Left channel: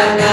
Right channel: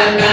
Amen.